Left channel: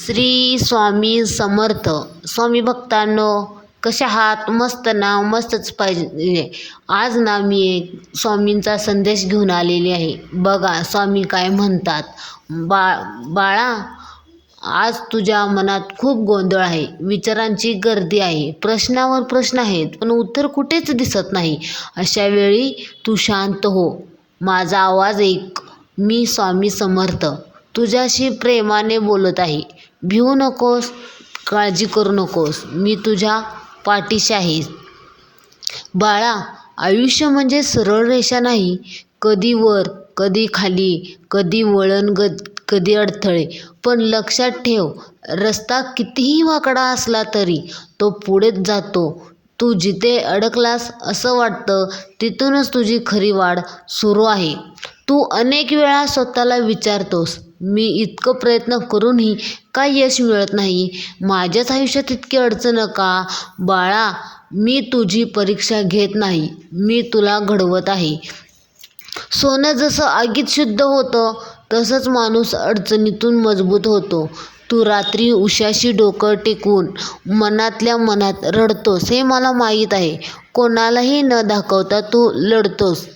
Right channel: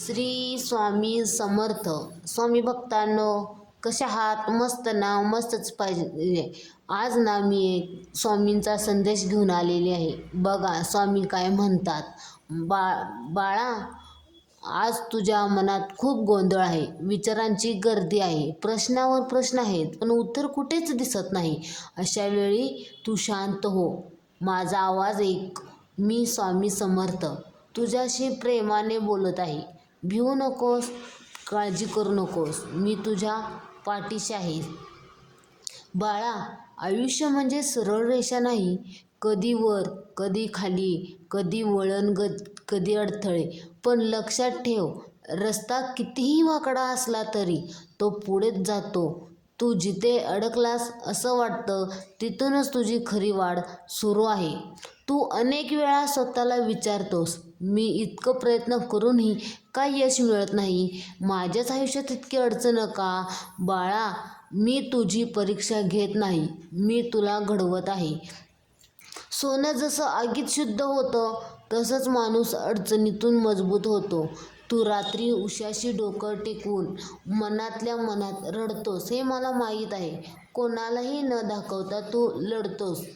श्री स्वामी समर्थ. स्वामी भक्तांनो, कशा आहात? मस्त ना? मस्तच पाहिजे. आज ना मी एक स्वामींचा संदेश घेऊन आलेली आहे. बघा स्वामी काय म्हणतात. बाळा, आज तुझ्या मनात खूप गोंधळ आहे, विचारांची गर्दी आहे, प्रश्नावर प्रश्न आहेत, पण उत्तर कुठेच दिसत नाही. अशा वेळी तू शांत हो, माझा आवाज ऐक. मी स्वामी समर्थ तुझ्याशी प्रेमाने बोलत आहे. भिवू नकोस, काळजी करू नकोस, मी तुझ्या पाठीशी आहे. बाळा, आयुष्य म्हणजे सरळ रेषा नाही. कधी वर, कधी खाली, कधी वळण, कधी अडथळे. पण लक्षात ठेव, रस्ता कितीही वाकडा असला तरी तो पुढेच जातो. तू जिथे अडकलास असं वाटतं, तिथूनच तुझी खरी वाढ सुरू आहे. तू अनेक वेळा स्वतःला विचारतोस, मी इतकं प्रयत्न करूनही का यश मिळत नाही? माझ्याच आयुष्यात इतकी अडचण का? बाळा, मी तुझी परीक्षा घेत नाही, मी तुला घडवत आहे. सोनं जसं आगीत शुद्ध होतं, तसंच माणूस अडचणीतून मजबूत होतो. तू रात्री उशाशी डोकं टेकून मनातल्या मनात रडतोस हे मला माहीत आहे. कोणालाही न दाखवता तू लढतोस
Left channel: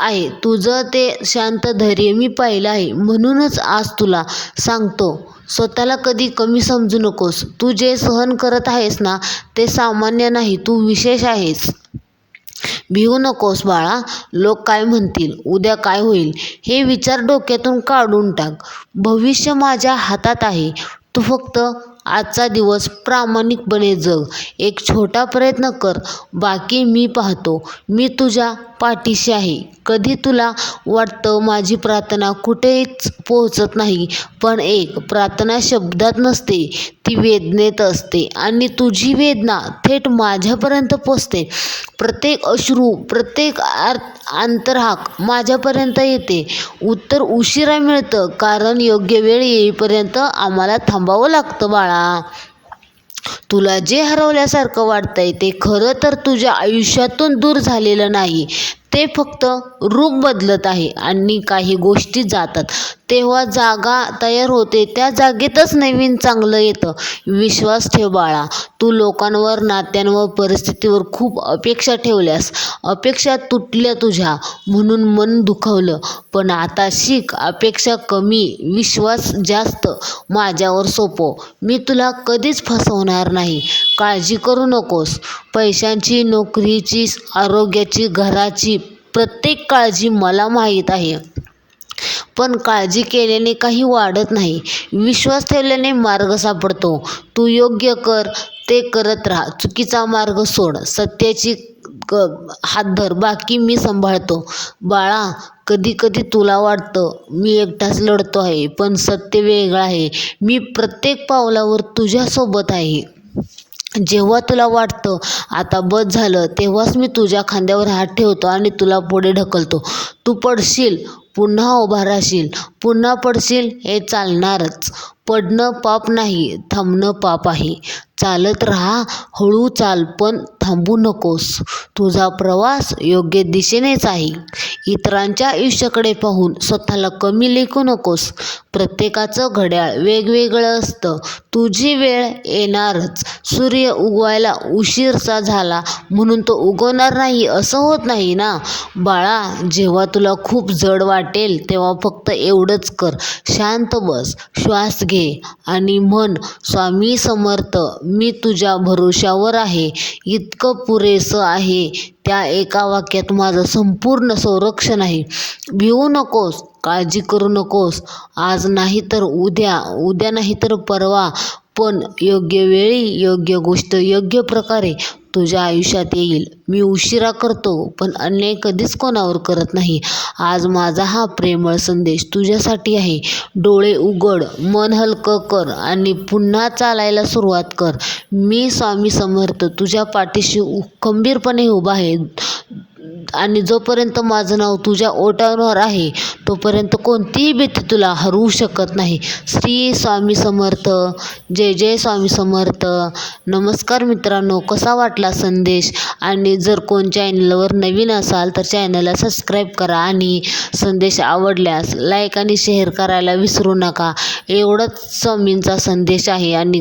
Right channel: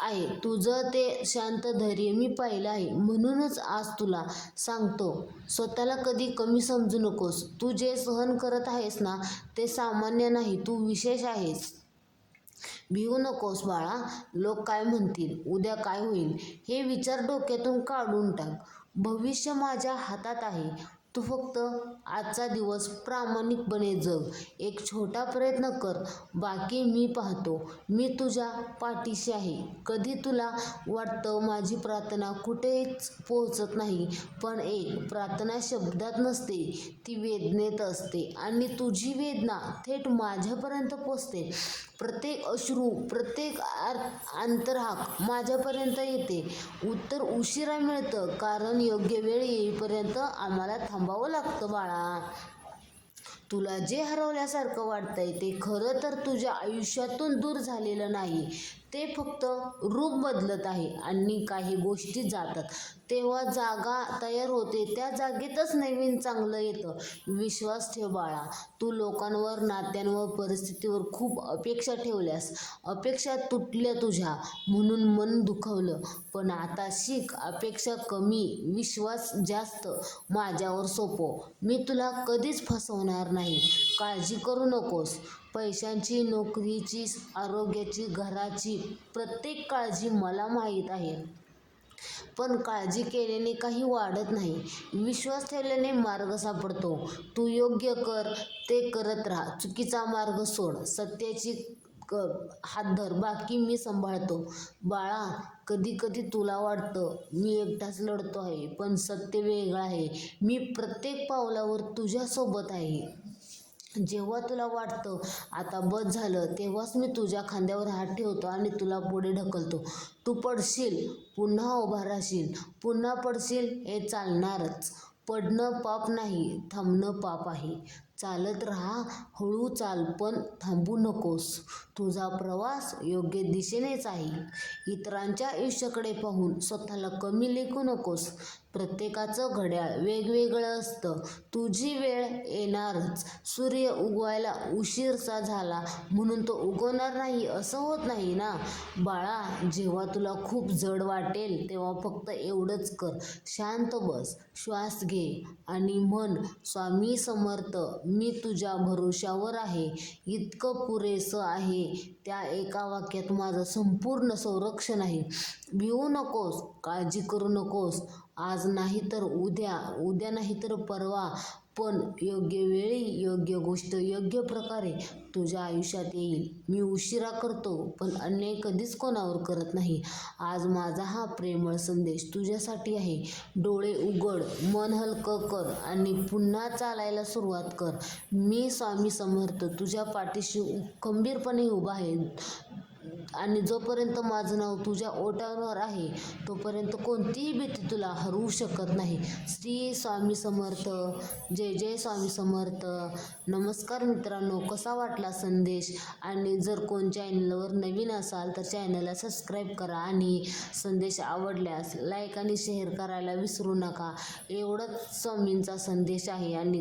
आहे. तुझं ते शांत धैर्य मी पाहिलं आहे. म्हणूनच आज तुला सांगतो, स्वतःला कधी कमी समजू नकोस. तू जे सहन करत आहेस ना, ते सामान्य नाही, तू विशेष आहेस. भिवू नकोस बाळा. लोक काय म्हणतील, उद्या काय होईल, हे विचार डोक्यातून काढून टाक. भविष्य माझ्या हातात आहे. तू फक्त आजचा दिवस प्रामाणिकपणे जग. एक छोटा प्रयत्न कर, बाकी मी पाहतो. मी तुझ्या पाठीशी आहे. कधी तुला वाटतं माझी प्रार्थना कुठेच पोहोचत नाही, पण एक प्रार्थना शब्दात नसते, ती वेदनेत असते. आणि तुझी वेदना थेट माझ्यापर्यंत पोचते. प्रत्येक अश्रू, प्रत्येक आंतरहाक माझ्यापर्यंत येते. उत्तर उशिरा मिळतं, कारण योग्य वेळ येईपर्यंत आम्हाला थांबावं लागतं. बाळा, तुला जे हरवल्यासारखं वाटतंय ते खरं तर तुझ्या आयुष्यातून दूर झालेलं नाही, ते फक्त रूप बदलत आहे. आणि काही गोष्टी जातात तेव्हा जागा तयार होते, त्या जागेतच नवीन चांगलं येतं. विश्वास ठेव बाळा. तू लोकांवर, नात्यांवर, परिस्थितीवर खूप अपेक्षा ठेवल्यास. अपेक्षा तुटल्या तुझ्या, म्हणून मन दुखावलं. पण आता शिक, अपेक्षा कमी, विश्वास जास्त. माझ्यावर सोपव, मी तुला कधीच फसवणार नाही. काळजी करू नकोस. पैशांची, नोकरीची, आरोग्याची, घराची प्रत्येक काळजी मला माहीत आहे. पण काळजी केल्याने काही वाढत नाही, विश्वास ठेवल्याने मार्ग सापडतो. तू योग्य कर ते करत राहा. चुकीचा मार्ग सोड, सत्याची हात धर, बाकी मी सांभाळतो. बाळा, कधी कधी तुला वाटतं मी एकटाच लढतो आहे, पण सत्य वेगळं आहे. मी प्रत्येक पावलावर तुझ्यासोबत आहे. जेव्हा तुला वाटतं आता बस झालं, तेव्हाच मी तुझ्या खांद्यावर हात ठेवतो आणि तुला पुढे ढकलतो. तू पडशील, पुन्हा उभा राहशील, पुन्हा पडशील, हे चालणारच. पडणं पाप नाही, थांबणं पाप आहे. चालत राहा, हळू चाल, पण थांबू नकोस. तुझा प्रवास योग्य दिशेनेच आहे. इतरांच्या आयुष्याकडे पाहून स्वतःला कमी लेखू नकोस. प्रत्येकाचं घड्याळ वेगवेगळं असतं. तुझी वेळ येणारच. सूर्य उगवायला उशीरचा झाला म्हणून तो उगवणार नाही असं होत नाही ना. बाळा, जेव्हा तुला खूप जड वाटेल तेव्हा फक्त एवढंच कर, शांत बस, श्वास घे आणि म्हण, स्वामी समर्थ, मी तुझ्या भरोशावर आहे. इतकं पुरेसं आहे. त्या एका वाक्यात माझं संपूर्ण संरक्षण आहे. भिवू नकोस, काळजी करू नकोस. आज नाही तर उद्या, उद्या नाही तर परवा, पण योग्य वेळी योग्य गोष्ट योग्य प्रकारे तुझ्या आयुष्यात येईल. मी उशिरा करतो, पण अन्याय कधीच कोणावर करत नाही. आज माझा हा प्रेमळ संदेश तुझ्यासाठी आहे. डोळे उघड, मन हलकं कर आणि पुन्हा चालायला सुरुवात कर. मी स्वामी समर्थ तुझ्या पाठीशी खंबीरपणे उभा आहे. आणि जोपर्यंत माझं नाव तुझ्या ओठांवर आहे तोपर्यंत कोणतीही भीती तुला हरवू शकत नाही. श्री स्वामी समर्थ. जय जय स्वामी समर्थ. नमस्कार मित्रांनो, कसा वाटला संदेश? आणि जर कोण चॅनलवर नवीन असाल तर चॅनलला सबस्क्राईब करा आणि संदेश आवडल्यास लाईक आणि शेअर करायला विसरू नका. एवढंच स्वामींचा संदेश आहे. आणि